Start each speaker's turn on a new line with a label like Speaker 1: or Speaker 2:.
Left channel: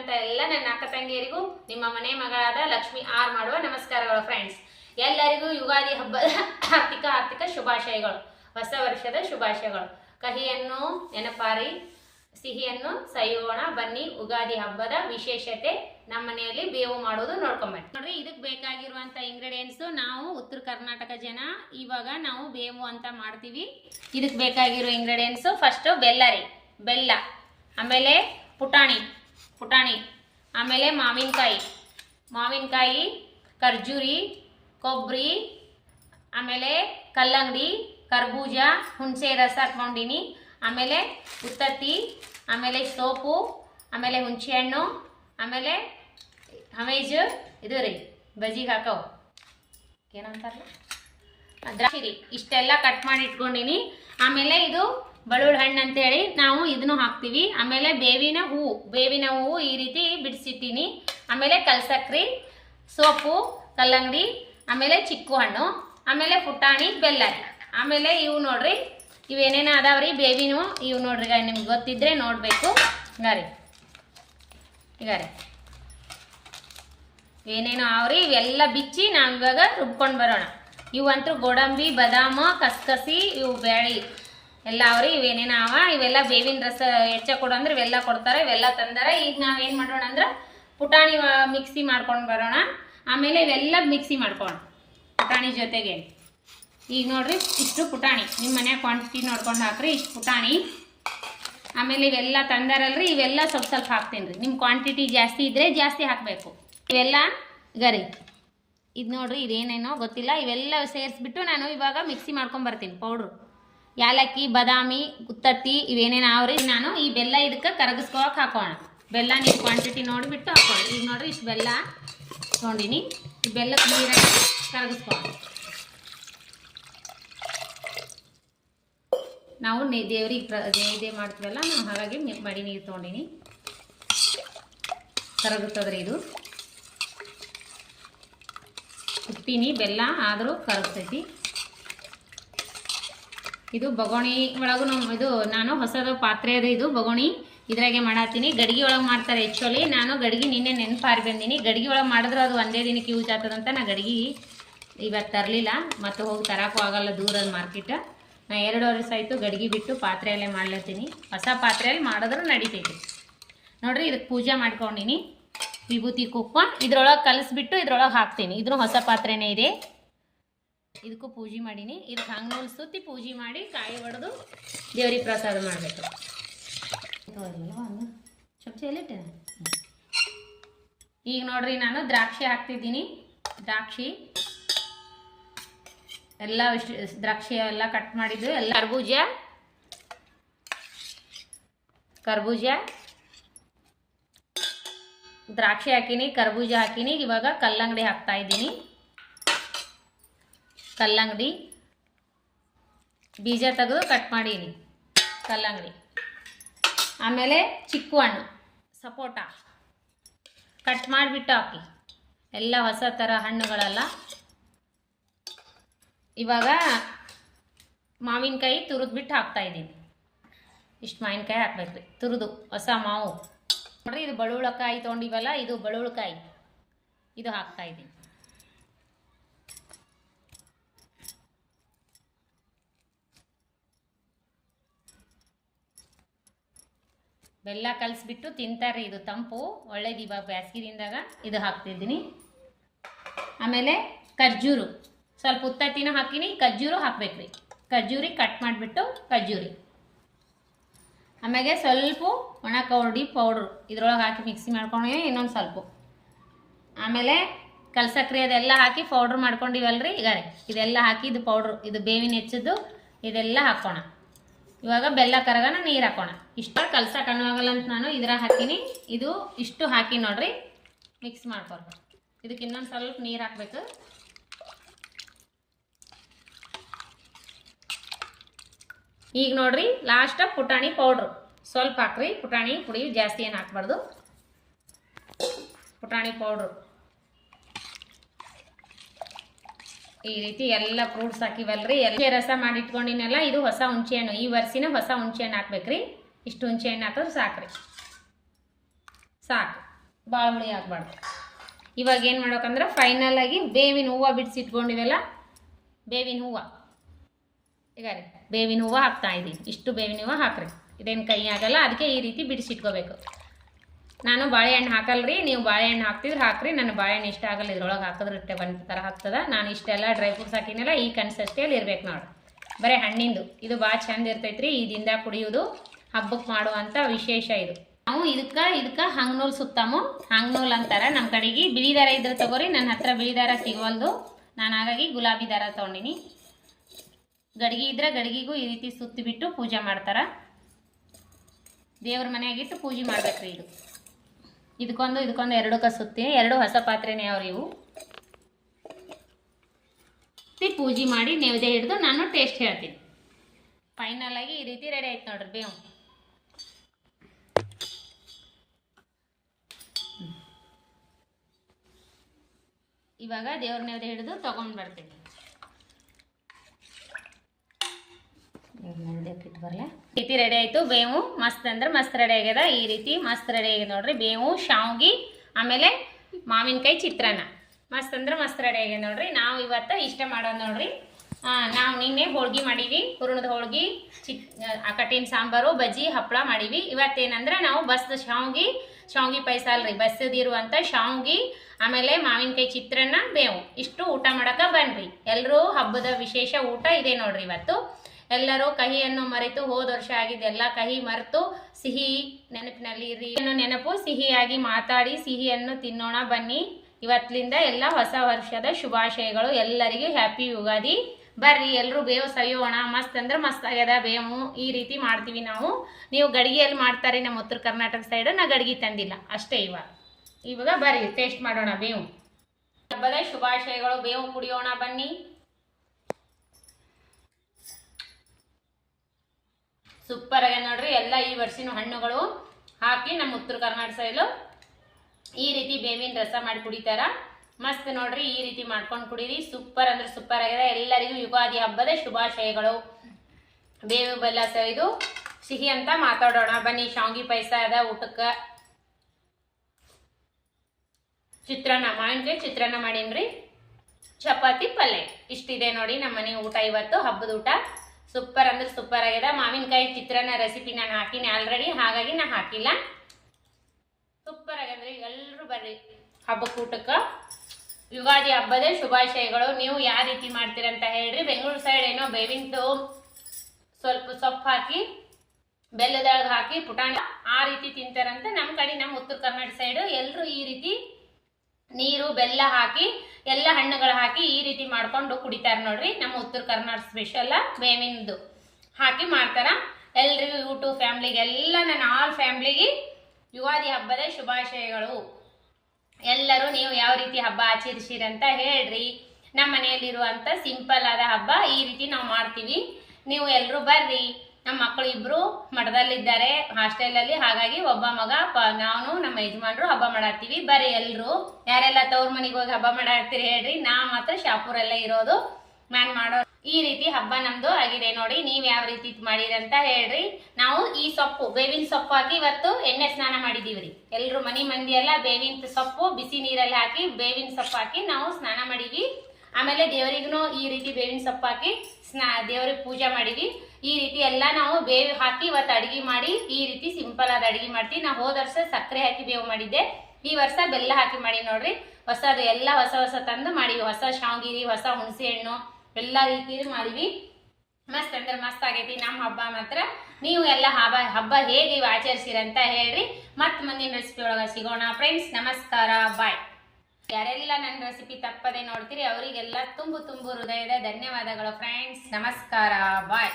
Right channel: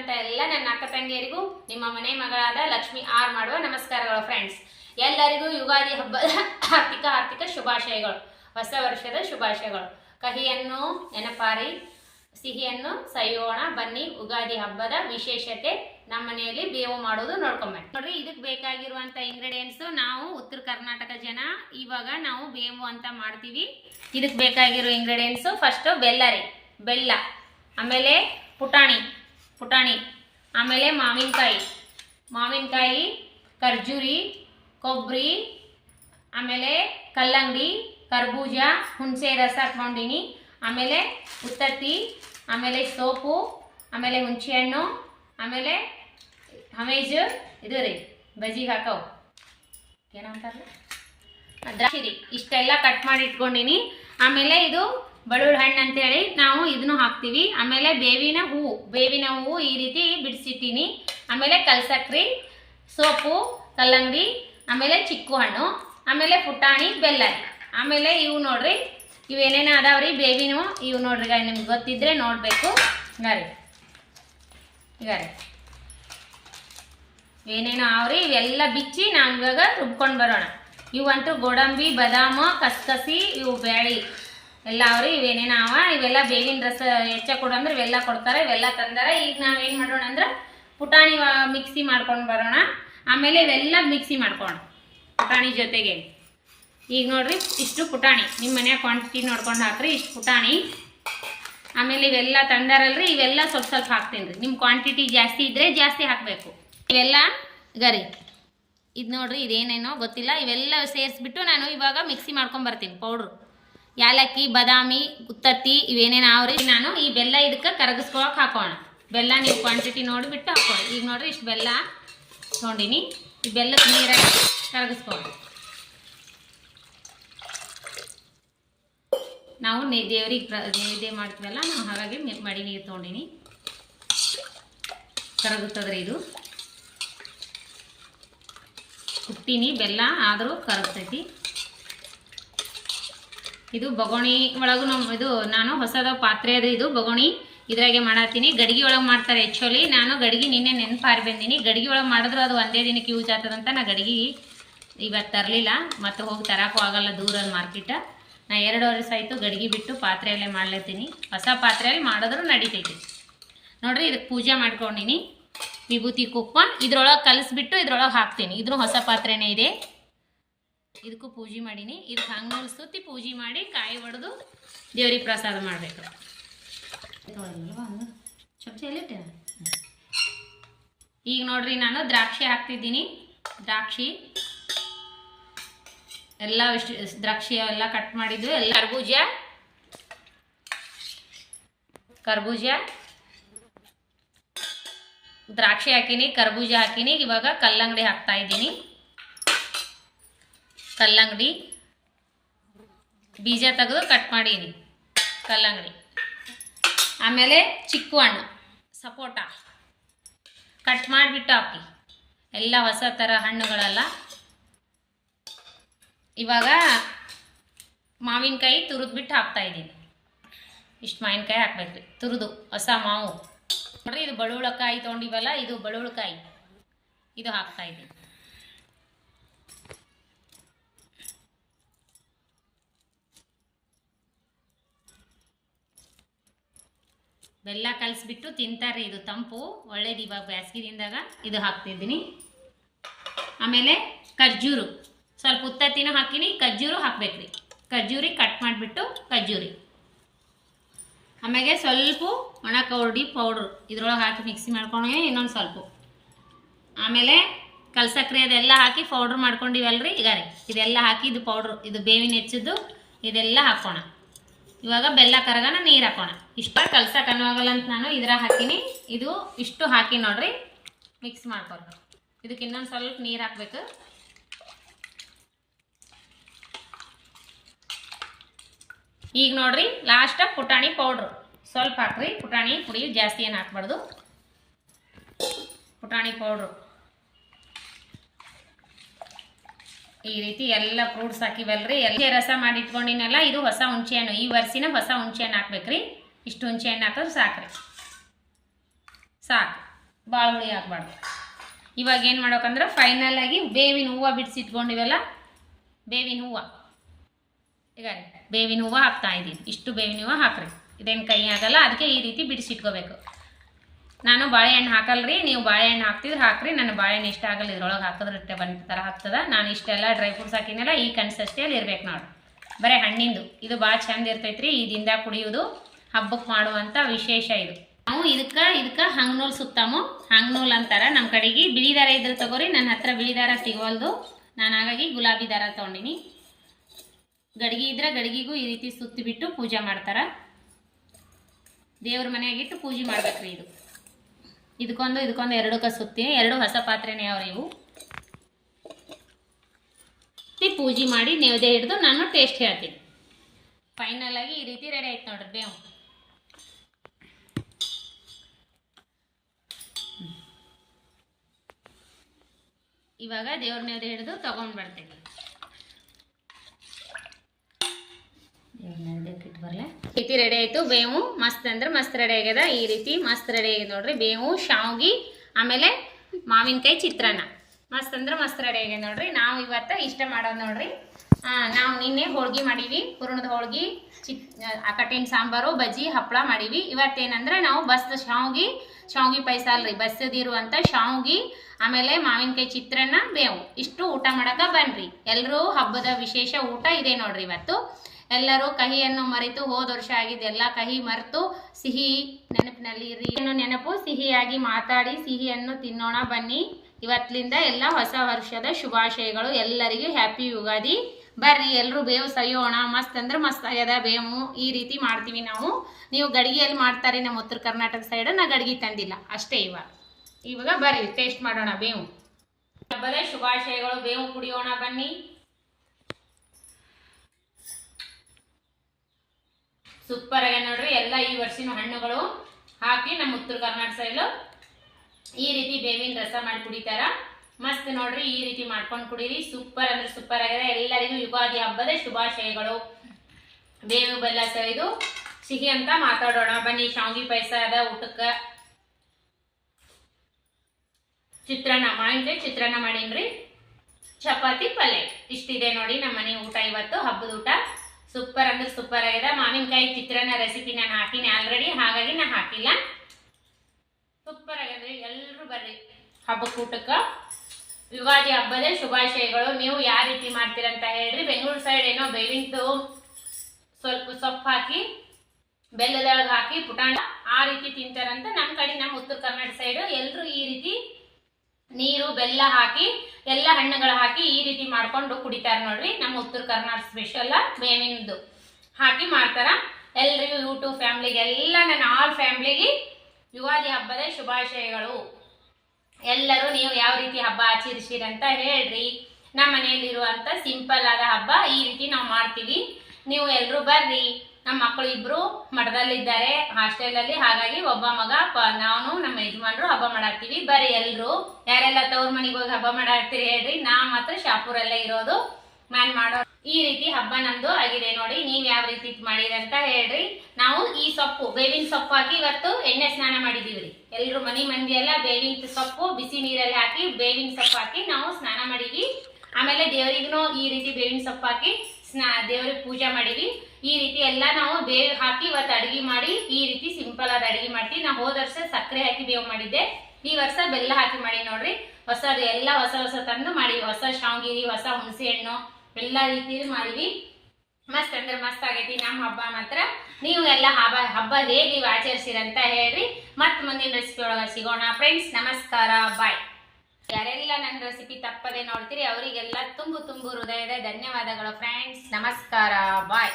Speaker 1: ನೋಡ್ತಿರ್ತಕ್ಕಂಥ ಎಲ್ಲ ನನ್ನ ಅಕ್ಕ ತಂಗಿಯರಿಗೂ, ನಿಮ್ಮ ಮನೆ ಮಗಳಾದ ಲಕ್ಷ್ಮಿ ಆರ್ ಮಾಡುವ ನಮಸ್ಕಾರಗಳು ಫ್ರೆಂಡ್ಸ್ ಎಲ್ಲರಿಗೂ ಯುಗಾದಿ ಹಬ್ಬದ ಆರ್ಥಿಕ ಆರ್ಥಿಕ ಶುಭಾಶಯಗಳು. ಹೊಸ ವರ್ಷದ ಶುಭಾಶಯಗಳು. ಕಹಿಯನ್ನು ನೆನಪಾರಿ, ಸಿಹಿಯನ್ನು ಸಯೋಣ, ಬನ್ನಿ ಉಗಾದಿ ಹಬ್ಬದ ವಿಶೇಷತೆ ನಮ್ಮ ಮನೆಯಲ್ಲಿ ಬೇವು ಮಾಡೋದು ನೋಡ್ಕೊಂಬಿ ನೋಡ್ರಿ, ಇದಕ್ಕೆ ಬೇಕಾಗಿರುವಂತ ಇಂಗ್ರೀಡಿಯೆಂಟ್ಸ್ ನಾವು ಉತ್ತರ ಕರ್ನಾಟಕ ಜನ, ಇವಾಗ ನಾವು ಬೇವು ಅಂತ ಮಾಡ್ತೀವಿ. ಇದಕ್ಕೆ ಬೇಕಾಗಿರೋ ಇಂಗ್ರೀಡಿಯೆಂಟ್ಸ್ ಫಸ್ಟ್ ಬೆಲ್ಲ ರೀ ಬೆಲ್ಲ, ಆಮೇಲೆ ಪುಟಾಣಿ. ಪುಟಾಣಿ. ಆಮೇಲೆ ಮಾವಿನಕಾಯಿ. ಮಾವಿನಕಾಯಿ, ಖರ್ಜೂರಿ, ಕೊಬ್ಬರಿ, ಆಮೇಲೆ ಕಲ್ಲಂಗಡಿ, ಕರ್ಬೂಜ, ಹುಣಸೆ ರಸ ಹಾಕ್ಕೊಂಡಿನಿ. ಆಮೇಲೆ ಉತ್ತತ್ತಿ, ಆಮೇಲೆ ಸೋಪು, ಆಮೇಲೆ ಹುಣಸೆಹಣ್ಣು, ಆಮೇಲೆ ಹಮೇಜ್. ಇದು ರೀ ಬಜಿಗೆ ಹಾಕವು. ಏನಂತಾರಲ್ಲ ದ್ರಾಕ್ಷಿ ರೀ, ಇಷ್ಟೆಲ್ಲ ಕಟ್ ಮಾಡಿ ಇಟ್ಕೊಂಡಿನಿ. ಆಮೇಲೆ ಇದು ಬಳುವಳು ಹಣ್ಣು ಅಂತೇಳಿ ನಾವು ಇದನ್ನು ಹಾಕ್ತೀವಿ. ಆಮೇಲೆ ಬೇವಿನ ಹೂವು ಬೇವಿನ ಹೂವು ಈ ರೀತಿ ಬಿಡಿಸಿಟ್ಟೀನಿ. ಆಮೇಲೆ ಕಲ್ಸಕ್ರಿ, ಸೋಪು, ಕಲ್ಲಂಗಡಿ, ಆಮೇಲೆ ಚಿಕ್ಕು ಹಣ್ಣು ಆಮೇಲೆ ಪುಟಾಣಿ ಬೆಲ್ಲ ಆಮೇಲೆ ಇವು ನೋಡ್ರಿ, ಇವೇನೇನು ಅದಾವ್ರಿ? ಬೇವಿನೂ ಇವು ನೋಡ್ರಿ ಈಗ ನಿಮ್ಗೆ ಗೊತ್ತಿದ್ರೆ ನೋಡಬೇಕು. ಗಾರಿ ರೀ ಈಗ ರೀ. ಏನೇನು ಅವ್ರಿ ಇವೆಲ್ಲ ಬಿಚ್ಚಿ ನಾವು ಇವಾಗ ರುಬ್ಕೊಂಡು ಬರೋಣ. ಇವಂತೂ ಗೋಡಂಬಿ, ಬದಾಮ, ಕಸ್ಕಸಿ, ಇವು ಬೇಳೆ ಎಲ್ಲ ಅವ್ರಿ ಇವೇನೇನು ಅವ? ಇವೆಲ್ಲ ಬೇವಿನ ರಸ ಹೆಚ್ಚ ಕೊಡು ಅಂದ್ರೆ ಇವೆಲ್ಲ ಕೊಡ್ತಾರೆ, ಇವೆಲ್ಲ ತಂದಾರ. ಈಗ ನಾವೇನು ಮಾಡೋಣ ಅಂದ್ರೆ ಪುಟಾಣಿ ಮಿಕ್ಸಿ ಮಾಡ್ಕೊಂಡು ಬರೋಣ. ಆಮೇಲೆ ಇವೆಲ್ಲ ಮಿಕ್ಸಿ ಮಾಡ್ಕೋಣ ಪುಟಾಣಿ ಜೊತೆಗೆ. ಈಗ ನೋಡ್ರಿ, ಇಷ್ಟು ಪುಟಾಣಿ. ನಿಮ್ಮ ಮನೆಯ ಕ್ವಾಂಟಿಟಿ ನೋಡ್ಕೊಂಡು ಹಾಕ್ರಿ, ಇಷ್ಟು ಪುಟಾಣಿ. ಆಮೇಲೆ ಇವೆಲ್ಲ ತಂದಾರಲ್ರಿ, ಇವೆಲ್ಲ ಸ್ವಲ್ಪ ಸ್ವಲ್ಪ ಹಾಕ್ತೀನಿ ರೀ. ನಿಮ್ಮ ಕ್ವಾಂಟಿಟಿ ಜಾಸ್ತಿ ಇದ್ದರೆ ಜಾಸ್ತಿ ಹಾಕಬೇಕು. ಇವೆಲ್ಲ ಗರಿ ಇದು ನೋಡ್ರಿ, ಇದೇನೇನೋ ಗೊತ್ತಿಲ್ಲ. ಇವೆಲ್ಲ ಸೇರಿಸ್ಬಿಟ್ಟು ನಾನು ಇವಾಗ ಮಿಕ್ಸಿ ಮಾಡ್ಕೊಂಡು ಬರ್ತೀನಿ ಪೌಡ್ರು ಯಾಲಕ್ಕಿ, ಬಾದಾಮಿ, ಉತ್ತತ್ತಿ ಇವೇನೇನು ಅವ್ರಿ ನಾನು ಈ ಬೆಲ್ಲ ಇದಕ್ಕೆ ಕರಗಿಸ್ಕೊಳಕ್ಕೆ ಹಾಕೋಣ. ಬೆಲ್ಲ ನೀವು ಕ್ವಾಂಟಿಟಿ ನೋಡಿಬಿಟ್ಟು ಹಾಕೋಣ ಈಗ ನೋಡ್ರಿ ಇಷ್ಟು ಬೆಲ್ಲ ತೊಗೊಂಡಿನಿ. ಈ ಬೆಲ್ಲಕ್ಕೆ ನೀರಾಗಿ ಕರಗಿಸ್ಕೊ ನಾವು ನೇ ದೇವ್ರಿಗೆ ಪ್ರ ನೈವೇದ್ಯ ಮಾಡ್ತೀವಲ್ಲ, ನಾವು ಹಾಗಾಗಿ ಮಡಿ ನೀರು ತೊಗೊಂಡಿನಿ. ಕರಗುತ್ತದ್ರಿ ಇದು. ಕುಟ್ಟಿನಿ, ಬೆಲ್ಲ ಆದರೂ ಕರಗ್ತೈತಿ. ಇದು ಬಗೋಣಿ ಒಳಗೂ ಇದು ನಾನು ಹೊಸದ ಪಾತ್ರೆ ಅದ ಇದು, ಬಗೋಣಿ ಇದ್ರಾಗೆ ಮಾಡತ್ತೀನಿ. ಗಡಿಗೆ ಒಳಗೆ ಮಾಡ್ತಾರೆ ಆ್ಯಕ್ಚುಲಿ ನಾನು ಗಡಿಗೆ ನಿನ್ನೆ ನೆನಪಾರಿ ಬಂದೀನಿ ಗಡಿಗೆ ಒಳಗೆ ಮಾಡಿದ್ರೆ ಅದು ಒಂದೇ ದಿನಕ್ಕೆ ಯೂಸ್ ಆಗ್ತದಂತ ನಾ ಗಡಿಗೆ ಇವತ್ತು ತರಲಿಲ್ಲ. ಮತ್ತು ಹೋಗಿ ತರಕ್ಕೂ ಆಗಲ್ಲ ದೂರ ಮಾರ್ಕೆಟ್ ನಾ ಎರಡು ವರ್ಷ ಆಯಿತು ಗಡಿಗೆ ಬಿಟ್ಟು ಪಾತ್ರೆಯಲ್ಲೇ ಮಾಡ್ಲತ್ತೀನಿ. ಹೊಸ ಪಾತ್ರೆಯಲ್ಲಿ ಮಾಡಿದ್ರು ನಡಿತೈತಿ. ನೋಡ್ರಿ ಇದಕ್ಕೆ ಪೂಜೆ ಮಾಡ್ಕೊಂಡಿನಿ. ವಿಭೂತಿ ಕುಕ್ಮ ಇದ್ರೊಳಗೆ ಕಲಿಸ್ಬಿಟ್ಟು ಇದ್ರೊಳಗೆ ಹಾಕ್ತೀನಿ. ಇದ್ರೂ ಹೊಸ ಪಾತ್ರೆನೇ ಇದೆ. ಇದಕ್ಕೂ ಪೂಜೆ ಮಾಡೀನಿ. ಇದು ಹಂಗೆ ಸುತ್ತಿ ಪೂಜೆ ಮಾಡಿ ಕಾಯಿ ಹೊಡೆದು ದೇವ್ರಿಗೆ ಪ್ರಸಾದ ಮಾಡಬೇಕು. ಈಗ ನೋಡ್ರಿ ನಾನು ದ್ರಾಕ್ಷಿ ಹಾಕ್ತಿದ್ದೀನಿ. ದ್ರಾಕ್ಷಿ ಎಲ್ಲ ಇಷ್ಟು ದ್ರಾಕ್ಷಿ ಎಲ್ಲ ಕಟ್ ಮಾಡಿದ್ದು. ಎಲ್ಲ ಕರ್ಬೂಜ ಕರ್ಬೂಜ, ದ್ರಾಕ್ಷಿ ಹಾಕಿನಿ, ಕರ್ಬೂಜ ಹಾಕಿನಿ. ಇವಾಗ ಕಲ್ಲಂಗಡಿ ಹಾಕ್ತಾ ಇದ್ದೀನಿ. ಕಲ್ಲಂಗಡಿ. ಬೀಜ ತೆಗೆದು ಕಟ್ ಮಾಡೀನಿ. ಕಲ್ಲಂಗಡಿ. ಆಮೇಲೆ ಚಿಕ್ಕು ಹಣ್ಣು ಸಪೋಟ. ಕಟ್ ಮಾಡಿಬಿಟ್ಟು ಹಾಕಿ. ಎಲ್ಲ ಹೊಸ ಥರ ಹಣ್ಣುಗಳೆಲ್ಲ. ಇವಾಗ ಮಾವಿನಕಾಯಿ ತುರಿದ್ಬಿಟ್ಟು ಹಾಕ್ತಾಯಿದ್ದೀನಿ ಇಷ್ಟು ಮಾವಿನಕಾಯಿ ಹಾಕ್ಬೇಕ್ರಿ. ತುರಿದು, ಹೊಸ ಮಾವು. ನೋಡಿರಿ, ಇದು ಬಳುವಳಕಾಯಿ ತೊಗೊಂಡಿವಲ್ಲ, ಇದು ಬಳುವಳಕಾಯಿ. ಇದು ಹಾಕ್ತಾ ಬೆಲ್ಲ ಕಲಿಸ್ಬಿಟ್ಟು ತಿಂತಾರೆ ಇದು ತಂಪು. ಒಳ್ಳೇದು ಇವಾಗ ಬ್ಯಾಸ್ಗಿದಿಂದಾಗ ಇದು ಹಾಕ್ತಿದ್ದೀನಿ. ಆಮೇಲೆ ಖರ್ಜೂರು. ಸ್ವಲ್ಪ ಉತ್ತತ್ತಿನ ಹಾಕಿನಿ, ಖರ್ಜೂರು ಹಾಕ್ಬೇಕ್ರಿ. ಖರ್ಜೂರಿ ಕಟ್ ಮಾಡಿಬಿಟ್ಟು ಖರ್ಜೂರಿ. ಆಮೇಲೆ ಸ್ವಲ್ಪ ಒಣ ಕೌಡಿ ಪೌಡ್ರು. ಇದ್ರೊಳಗೆ ಹಾಕಿ ಮಿಕ್ಸಿ ಮಾಡ್ಕೊಂಡು ಇನ್ನೊಂದು ಸ್ವಲ್ಪ. ಆಮೇಲೆ ಕಲ್ಸಕ್ರಿ, ಅದೆಲ್ಲ ಹಾಕಿ ಪೌಡ್ರ್ ಮಾಡ್ಕೊಂಡಿವಲ್ರಿ. ಈಗ ಇದೆಲ್ಲ ಹಾಕಿ ಇದು ಪೌಡ್ರು, ಇದು ಬೇವಿನ ಹೆಚ್ಚಿದ್ದು, ಇದೆಲ್ಲ ಹಾಕೋಣ. ಇವಾಗ ಬೆಲ್ಲ ಕರಗನ ನೀರು ಹಾಕೋಣ. ಇಷ್ಟ ಕಲ್ಸಕ್ಕೆ ಅನ್ನುವಾಗಲ್ಲ ಅಂತ ನಾನು ಇದ್ರಾಗ ಹಾಕೀನಿ. ಇದು ಇಷ್ಟು ಹಾಕಿ ನೋಡ್ರಿ ಮಿಕ್ಸ್ ಮಾಡ್ಕೊಂಡು ಇದಕ್ಕೆ ಇನ್ನೊಂದು ಸ್ವಲ್ಪ ನೀರು ಹಾಕ್ಬೇಕು. ಈಗ ನೋಡ್ರಿ ಲಾಸ್ಟಾಗಿ ಪುಟಾಣಿ ಪೌಡ್ರು ಸ್ವಲ್ಪ ಹಾಕ್ರಿ, ಪುಟಾಣಿ ಪುಡಿ ಜಾಸ್ತಿ ಏನು ಹಾಕ್ಬಾರ್ದು. ಪುಟಾಣಿ ಪೌಡ್ರು ಈ ರೀತಿ ಎಲ್ಲ ಫ್ರೂಟ್ಸ್ ಹಾಕಿವಲ್ರಿ. ಎಲ್ಲ ರಸ ಮಾಡಿ ಇಟ್ಕೊಂಡಿನಲ್ಲ ಇದು ಹೊಸ ಹುಣಸೆ ಹಣ್ಣು ಈ ವರ್ಷಿನ ಹೊಸ ಹುಣಸೆ ಹಣ್ಣು ಹಾಕ್ಬೇಕ್ರಿ. ಇಷ್ಟು ಹುಣಸೆ ಹಣ್ಣು ಹಾಕಿದ್ರೆ ಸಾಕ್ರಿ. ಸಾಕು. ಭಾಳ ಹುಳಿ ಹಾಕ್ಬಾರ್ದು ಇವಾಗ ಏನು ಮಾಡೋಕಂದ್ರೆ ಫೈನಲ್ ಆಗಿ ಬೇವಿನ ಹೂವು ಬಿಡಿಸಿಟ್ಕೊಂಡಿವಲ್ಲ, ಬೇವಿನ ಹೂವು. ಈಗ ಬೇವಿನ ಹೂವು ಹಾಕ್ತಾ ಇದ್ದೀನಿ ಇಷ್ಟು ಬೇವಿನ ಹೂವು ಹಾಕ್ರಿ. ಇದೇನು ಕೈ ಆಗಲ್ಲ, ಅದಕ್ಕೆ ಈ ರೀತಿ ಬಿಡಿಸಿಟ್ಕೋಬೇಕು. ನಾನು ಬಾಳೆಹಣ್ಣು ಹಾಕಲ್ರಿ, ನೀವು ಬಾಳೆಹಣ್ಣು ಹಾಕ್ತಿದ್ರೆ ಹಾಕ್ರಿ, ನನ್ನ ಬಾಳೆಹಣ್ಣು ಇಷ್ಟ ಆಗಲ್ಲ, ಇದ್ರೊಳಗೆ ಹಾಕಿದ್ರೆ ಇಟ್ಟೆ ಬಂದ ಥರ ಹಾಕ್ತದೆ ನಾನು ಇಷ್ಟೆಲ್ಲ ಡ್ರೈ ಫ್ರೂಟ್ಸ್ ಹಾಕಿನಲ್ಲ ಈ ಕನ್ಸಿಸ್ಟಿಯಲ್ಲಿ ಇರ್ಬೇಕು ನೋಡಿ. ಬರೀ ಹಣ್ಣಿಂದು, ಇದು ಭಾಳ ಚಂದ ಇರ್ತೈತ್ರಿ ಇದಿಂದ ಕುಡಿಯೋದು ಹಬ್ಬಕ್ಕೆ ಮಾಡುವಂಥ ವಿಶೇಷ ಇದು. ನಾವು ಇದಕ್ಕೆ ಇದಕ್ಕೆ ಹಂಗ್ನೂಲ್ ಸುತ್ತಮು, ಹಂಗ್ನೂಲ್ ಅಂತಾರೆ. ನಮ್ಮ ಕಡೆಗೆ ಬಿಳಿ ದಾರ ಇದ್ರೆ ತಗೋರಿ ನನ್ನ ಹತ್ರ ಬಿಳಿ ದಾರ ಸಿಗೋಲ್ದು. ನಾನು ಹಾಗಾಗಿ ಗುಲಾಬಿ ದಾರ ತೊಗೊಂಡಿನಿ. ಗಡಿಗೆ ಇದ್ರೆ ಗಡಿಗೆಗೂ ಈ ರೀತಿ ಸುತ್ತಿಬಿಟ್ಟು ಪೂಜೆ ಮಾಡ್ತಾರೆ. ದೇವ್ರ ಮನೆಯಾಗಿಟ್ಟು ಪೂಜೆ ಮಾಡ್ಬೇಕು ಇದು. ಇದಕ್ಕೊಂದು ಇದಕ್ಕೊಂದು ಎರಡು ಸುತ್ತೀನಿ ಎರಡು ಹೊಸ ಪಾತ್ರೆನೇ ಅವ್ರು ಇವು. ಪೂಜೆ ಮಾಡಿ ನೈವೇದ್ಯ ಹಿಡಿದು ನಾನು ಟೇಸ್ಟ್ ಹೇಳ್ತೀನಿ. ಫೈನಲ್ ಆಗಿ ಈ ರೀತಿ ರೆಡಿ ಆಯ್ತು ನೋಡ್ರಿ ಬೇವು. ಇವಾಗ ದೇವ್ರ ನೈವೇದ್ಯ ಹಿಡಿದು ತಗೊಂಡ್ ಬರ್ತೀನಿ ಬರಲ್ಲ ಈ ರೀತಿ ರೆಡಿ ಆಯಿತು. ಬೇವು ಮಸ್ತ್ ಅಂದ್ರೆ ಮಸ್ತ್ ರೆಡಿ ಆಗ್ಯದ. ಈ ರೀತಿ ಮಸ್ತ್ ರೆಡಿ ಆಗ್ಯದ ನೋಡ್ರಿ. ಬೇವು, ಶಾವ್ಗಿ, ಆಮೇಲೆ ಮಾವಿನಕಾಯಿ, ಚಿತ್ರಾನ್ನ. ಮಸ್ತ್ ಅಂದ್ರೆ ಮಸ್ತ್ ರೆಡಿ ಆಗ್ಯದ ನೋಡ್ರಿ. ನಾವು ಇವತ್ತು ಇಷ್ಟ ಮಾಡೋದು ನೋಡ್ರಿ. ನಾವು ನಿನ್ನೆ ಹೋಳ್ಗೆ ಮಾಡೀವಿ. ಹೂರಣದ ಹೋಳ್ಗೆ, ಚಿಕ್ ಕಟ್ಟಿನ ಸಾಂಬಾರು, ಬಜ್ಜಿ ಹಪ್ಪಳ ಮಾಡೀವಿ. ಇವತ್ತೇನಂದ್ರೆ ನಾವು ಬಸ್ ಶಾವ್ಗಿ ಶಾವ್ಗಿ ಪಾಯಸ ಅಲ್ರಿ. ಬಸ್ಸದಿರುವಂಥ ಶಾವ್ಗಿ, ಆಮೇಲೆ ಮಾವಿನಕಾಯಿ, ಚಿತ್ರಾನ್ನ, ಬೇವು. ಇಷ್ಟು ಊಟ ಮಾಡೋಕೆ ಬನ್ನಿರಿ ಎಲ್ಲರೂ ಹಬ್ಬದ ವಿಶೇಷ ಊಟ ಇದೆ ನೋಡ್ರಿ ಇವತ್ತು. ಎಲ್ಲರೂ ಕಹಿಯನ್ನು ಮರೆತು ಹೋದ ವರ್ಷ ಆಗಿದ್ದೆಲ್ಲ ಕಹಿ ಮರೆತು ಸಿಹಿ ನೆನಪಿನಲ್ಲಿ ಇರಿ. ಏನು ನೆನಪು, ಸಿಹಿಯಾಗಿ ಮಾತಾಡಿ, ಸಿಹಿಯನ್ನು ತಿನ್ನೋಣ ಬನ್ನಿ. ಇವತ್ತಿನಿಂದ ಎಲ್ಲ ಹೊಸ ವರ್ಷದ ಶುಭಾಶಯಗಳು. ಎಲ್ಲರಿಗೂ ಹ್ಯಾಪಿ ಯುಗಾದಿ. ಬರ್ರಿ ಎಲ್ಲರೂ ಬೇವು ಸವಿಯೋಣ. ಮಸ್ತ್ ಅಂದ್ರೆ ಮಸ್ತ್ ಆಗ್ಯದ ಬೇವು. ಈ ರೀತಿ ಮಾಡ್ತೀವಿ ನಾವು. ನೀವು ಗಡಿಗೆಯಲ್ಲಿ ಮಾಡ್ತಾರೆ ನಮ್ಮ ಉತ್ತರ ಕರ್ನಾಟಕ ಸೈಡು ನಾ ಗಡಿಗೆ ತಂದಿಲ್ಲ. ಅಷ್ಟೇ ಇವಾಗ ಇವಾಗ ಬರ್ರಿ ಟೇಸ್ಟ್ ಮಾಡೋಣ. ಬೇವು. ಹಬ್ಬದ ಶುಭಾಶಯಗಳು. ಬೇವು ಕುಡಿಯೋಣ ಬನ್ನಿ. ಸೂಪರ್ ಆಗಿ ನೋಡ್ರಿ. ಎಲ್ಲ ಈ ವರ್ಷಿನ ಹಣ್ಣುಗಳು ಹಾಕಿ ನಮ್ಮ ಉತ್ತರ ಕರ್ನಾಟಕ ಸೈಡು ಈ ರೀತಿ ಬೇವಿನ ರಸ ಮಾಡಿ ಕುಡಿತಾರ. ಮಸ್ತ್ ನೋಡ್ರಿ, ಈ ರೀತಿ ಮಾಡ್ಕೊಂಡು ಕುಡೀರಿ. ಸೂಪರ್ ಅಂದ್ರೆ ಸೂಪರ್ ಆಗಿದೆ. ಎಲ್ಲರಿಗೂ ಯುಗಾದಿ ಹಬ್ಬದ ಶುಭಾಶಯಗಳು. ಬೇವು ಬೆಲ್ಲ ಸವಿದು ಸಿಹಿ ಅಂತ ಮಾತಾಡೋಣ. ಬನ್ನಿ ಶಾಂಗಿ ಪಾಯಸ ಅದ, ಊಟಕ್ಕೆ. ಚಿತ್ರಾನ್ನ ಮಾವಿನಕಾಯಿ ಚಿತ್ರಾನ್ನ ಮಾಡೀನ್ರಿ. ಚಪಾತಿ ಪಲ್ಯ ಇಷ್ಟಿದೆ ನೋಡಿ ನಮ್ಮ ಮನೆ ಊಟ ಇವತ್ತು, ಹಬ್ಬದ ಊಟ. ಸೂಪರ್ ಅಂದ್ರೆ ಸೂಪರ್ ಆಗಿದೆ. ಮಾವಿನಕಾಯಿ ಚಿತ್ರಾನ್ನ ರೆಸಿಪಿ ನಾನು ಹಾಕಿನಿ ಆಲ್ರೆಡಿ ಹಾಗಾಗಿ ನಾನು ಹಾಕಿಲ್ಲ. ಸೂಪರ್ ಆಗ್ಯದ್ರಿ ಎಲ್ಲರೂ ಬರ್ರಿ. ಹಬ್ಬಕ್ಕೂಟಕ್ಕೆ ಯುಗಾದಿ ಹಬ್ಬದ ಶುಭಾಶಯಗಳು. ನೀವು ಯಾವ ರೀತಿ ಮಾಡ್ತೀರಂತ ಹೇಳ್ರಿ. ಬೆಂಗಳೂರು ಸೈಡ್ ಏನೋ ಬೇವಿಂದು ಸ್ವಲ್ಪ ಸೊಪ್ಪು ಹಾಕಿ ಬೆಲ್ಲದೊಳಗೆ ಹಾಕಿ, ಪುಟಾಣ ಆ ರೀತಿ ತಿಂತಾರಂತ ನಮ್ಮ ಕಡೆ ನಮ್ಮ ಉತ್ತರ ಕರ್ನಾಟಕ ಸೈಡು ಎಲ್ಲರೂ ಈ ರೀತಿ ನೀರು, ಬೆಲ್ಲ ಹಾಕಿ, ಎಲ್ಲ ಹಣ್ಣುಗಳು ಹಾಕಿ ಈ ರೀತಿ ಮಾಡ್ಕೊಂಡು ಕುಡಿತಾರೆ ನೋಡ್ರಿ. ನಮ್ಮ ಉತ್ತರ ಕರ್ನಾಟಕ ಸ್ಪೆಷಲ್ ಮೇವಿನದು ಹಾಕಿ ಮಾಡ್ತಾರ. ಎಲ್ರಿಗೂ ಯೂಟ್ಯೂಬ್ ಫ್ಯಾಮ್ಲಿಗೆ ಎಲ್ಲ ನನ್ನ ಆಲ್ ಫ್ಯಾಮ್ಲಿಗೆ ಯುಗಾದಿ ಹಬ್ಬದ ಶುಭಾಶಯಗಳು. ಎಲ್ಲರೂ ನೀವು ಯಾವ ರೀತಿ ಹಬ್ಬ ಆಚರಿಸಿರಿ ಅಂತ ಹೇಳ್ರಿ. ನಮ್ಮ ಮನೆಯಲ್ಲಿರುವಂಥ ಸಿಂಪಲ್ ಆದ ಹಬ್ಬ ಈ ರೀತಿ ನಾವು ಮಾಡ್ತೀವಿ. ನೀವು ಎಲ್ಲರೂ ಬರ್ರಿ. ನಮ್ಮ ಮಕ್ಕಳು ಇಬ್ರು ಮಠದಲ್ಲಿದ್ದಾರೆ. ಹಾಸ್ಟೆಲಲ್ಲಿ ಹಾಗಾಗಿ ಒಬ್ಬ ಮಗ ನಾನು ನಮ್ಮ ಯಜಮಾನ್ರು ಹಬ್ಬ ಮಾಡಾಕ್ತೀವಿ. ಬರೀ ಎಲ್ಲರೂ ಯಾರೆಲ್ಲ ತವ್ರ ಮನೆಗೆ ಹೋಗಿ ಹಬ್ಬ ಮಾಡಾಕ್ತೀರಿ ಹೇಳ್ರಿ. ನಾ ಮಾತ್ರ ಶಾಪುರಲ್ಲೇ ಇರೋದು. ಮ್ಯಾನ್ ಮಾಡೋ ಈ ರೀತಿ ಹಬ್ಬ ನಮ್ದು ಆಗಿದೆ ನೋಡಿ. ನೀವ್ ಯಾವ ರೀತಿ ಮಾಡಿದಂತ ಹೇಳ್ರಿ. ನಾವು ಈ ಸೊಪ್ಪು, ಬೇವಿನ ಸೊಪ್ಪು ಹಾಕಿ ಇವತ್ತು ಎಣ್ಣೆ ಸ್ನಾನ ಮಾಡಿದೀವ್ರಿ. ಎಲ್ರು ಮನಿ ಮಂದಿ ಎಲ್ಲ ಬೇವಿನ ಸೊಪ್ಪು, ಬಿಸಿ ನೀರಲ್ಲಿ ಹಾಕಿ ಬೇವಿನ ಸೊಪ್ಪು ಹಾಕಿ ನಾವು ಸ್ನಾನ ಮಾಡೀವಿ ಆಮೇಲೆ ದೇವರಿಗೂ ಈ ರೀತಿ ಬೇವಿನ ಸೊಪ್ಪು ಹಾಕಿ ಸ್ನಾ, ದೇವ್ರಿಗೆ ಪೂಜೆ ಮಾಡೀವಿ ಈ ರೀತಿ ಎಲ್ಲ ನಾವು ಬೇವು ಹಾಕಿ ಇವತ್ತು ಅಡಿಗೆ ಮಾಡಿ, ಈ ರೀತಿ ಸಿಂಪಲ್ ಆದ ಅಡಿಗೆ ಮಾಡ್ತೀವಿ. ನಾವು ಹೋದ ವರ್ಷ ಸಕ್ಕರೆ ಹಾಕಿ ಬೇವು ಮಾಡಿದ್ದೆ. ಈ ವರ್ಷ ಬೆಲ್ಲ ಹಾಕಿ ಮಾಡಿ ನೋಡ್ರಿ. ಹೊಸದು ಎಲ್ಲ ಹೊಸ ಹೊಸ ತಂದು ಮಾಡಿವಿ. ಹೊಸ ಶಾವ್ಗಿರಿ ಹೊಸ ಹುಣಸೆ ಹಣ್ಣು ಎಲ್ಲ ರೀತಿ ಮಾಡಿವಿ. ಮಸ್ತ್ ಅಂದ್ರೆ ಮಸ್ತ್ ಆಗೈತಿ. ನಮ್ಮ ಹಬ್ಬ ಮಾತ್ರ. ನೀವು ಎಲ್ಲ ಹಬ್ಬ ಹಬ್ಬ ಹೇಗೆ ಆಚರಿಸಿರಂತ ಹೇಳ್ರಿ. ಮತ್ತೆ ಮುಂದಿನ ರೆಸಿಪಿ ಒಳಗೆ ಸಿಗೋಣ. ಫ್ರೆಂಡ್ಸ್ ನಮಸ್ಕಾರ. ಬಾಯ್ ಯಾರೆಲ್ಲ ನನ್ನ ರೆಸಿಪಿ ತಪ್ಪದೆ ನೋಡ್ತೀರಿ ಅವರಿಗೆಲ್ಲ ತುಂಬು ತುಂಬು ಹೃದಯದ ಧನ್ಯವಾದಗಳು ಫ್ರೆಂಡ್ಸ್ ನಮಸ್ಕಾರ. ಬಾಯ್